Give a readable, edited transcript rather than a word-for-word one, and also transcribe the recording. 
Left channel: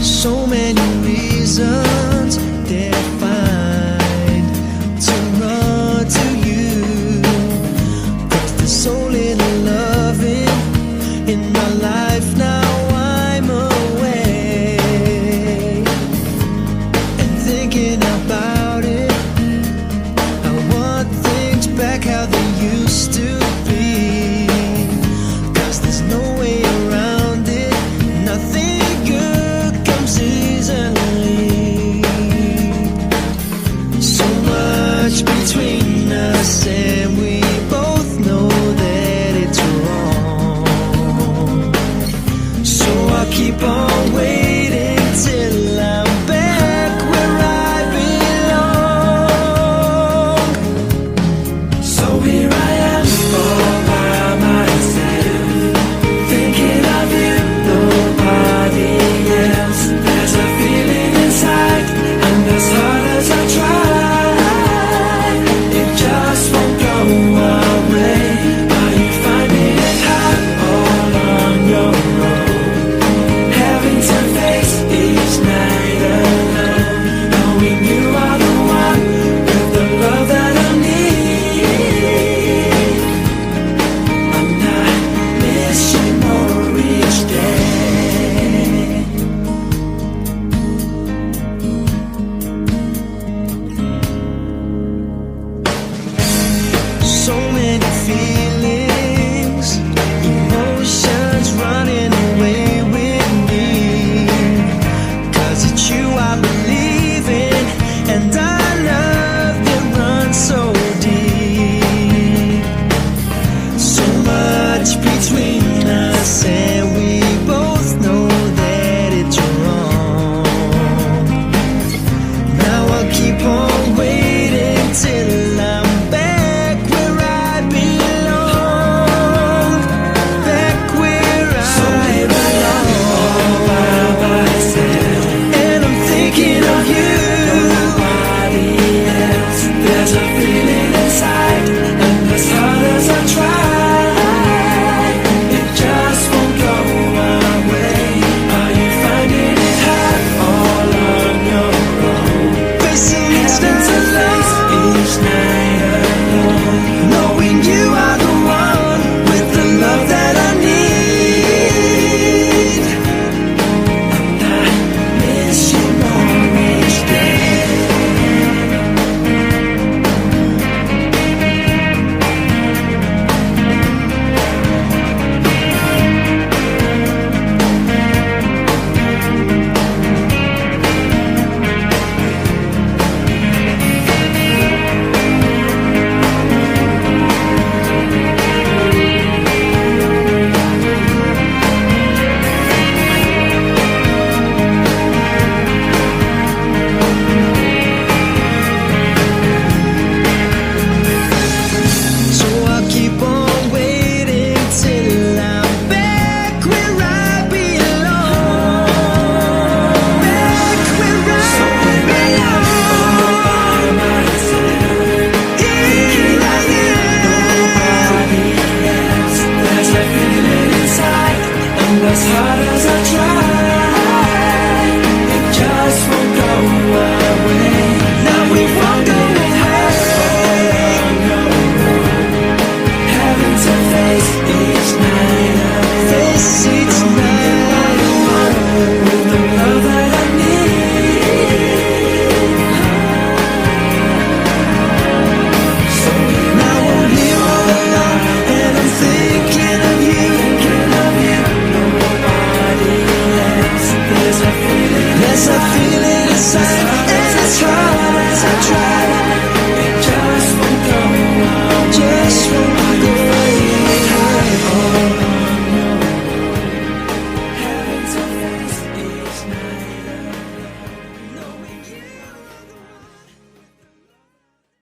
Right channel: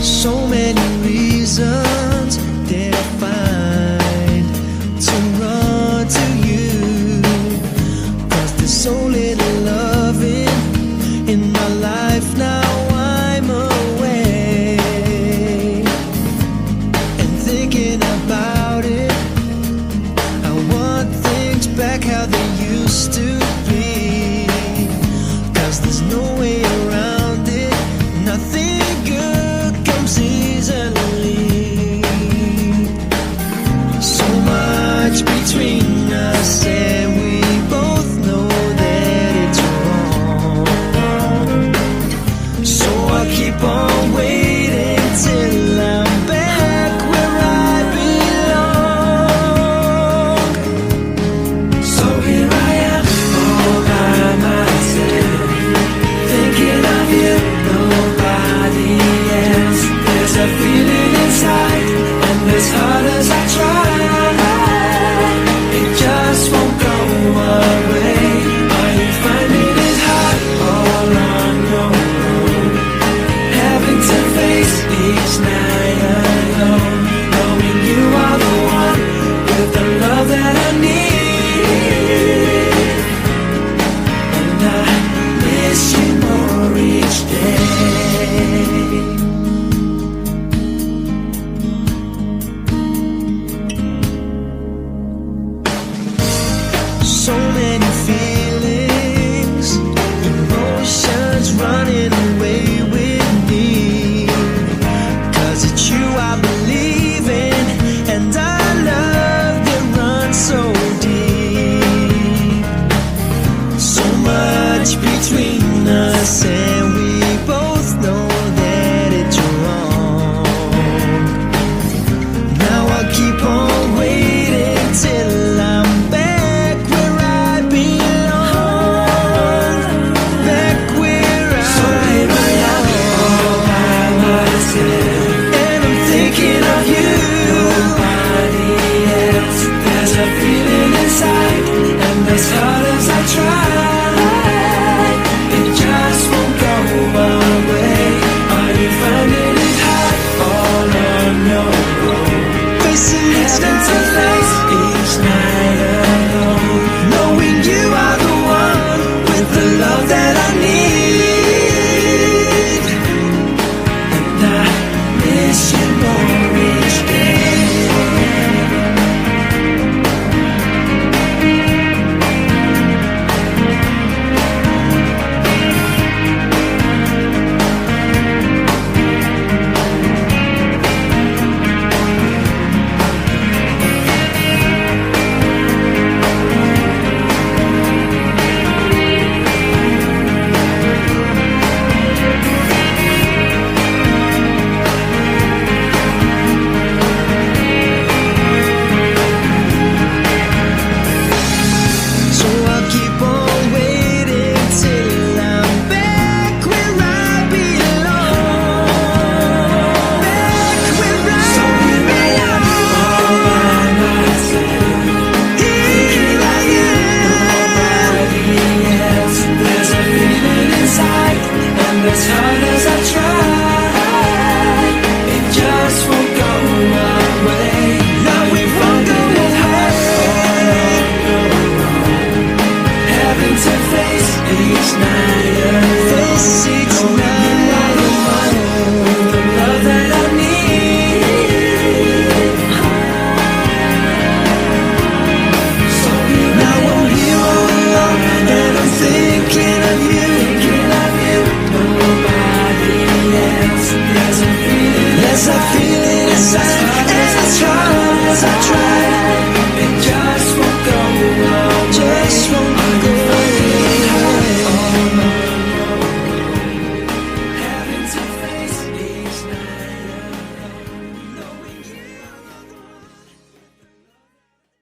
So many reasons that I find to run to you, 'cause there's so little loving in my life now. I'm away and thinking about it. I want things back how they used to be, 'cause there's no way around it. Nothing good comes easily. So much between us, and we both know that it's wrong. So I'll keep on waiting till I'm back where I belong. So here I am, all by myself, thinking of you, nobody else. There's a feeling inside, and as hard as I try, it just won't go away. Are you finding it hard all on your own, having to face each night alone, knowing you are the one with the love that I need? And I miss you more each day. So many feelings, emotions running away with me, 'cause it's you I believe in, and our love that runs so deep. So much between us, and we both know that it's wrong. Now I'll keep on waiting till I'm back where I belong. Back where I belong. All by myself, and I'm thinking of you, nobody else. There's a feeling inside, and as hard as I try, it just won't go away. Are you finding it hard all on your own, facing each night alone, knowing you are the one with the love that I need? And I miss you more each day. So I'll keep on waiting till I'm back where I belong. Back where I belong. All by myself, here I am. Nobody else. There's a feeling inside, and as hard as I try, it just won't go away. Now it won't go away. Having to face each night alone, face each night alone, with the love that I need. So now I'm here all alone, and I'm thinking of you, nobody else. There's a feeling inside, and as hard as I try,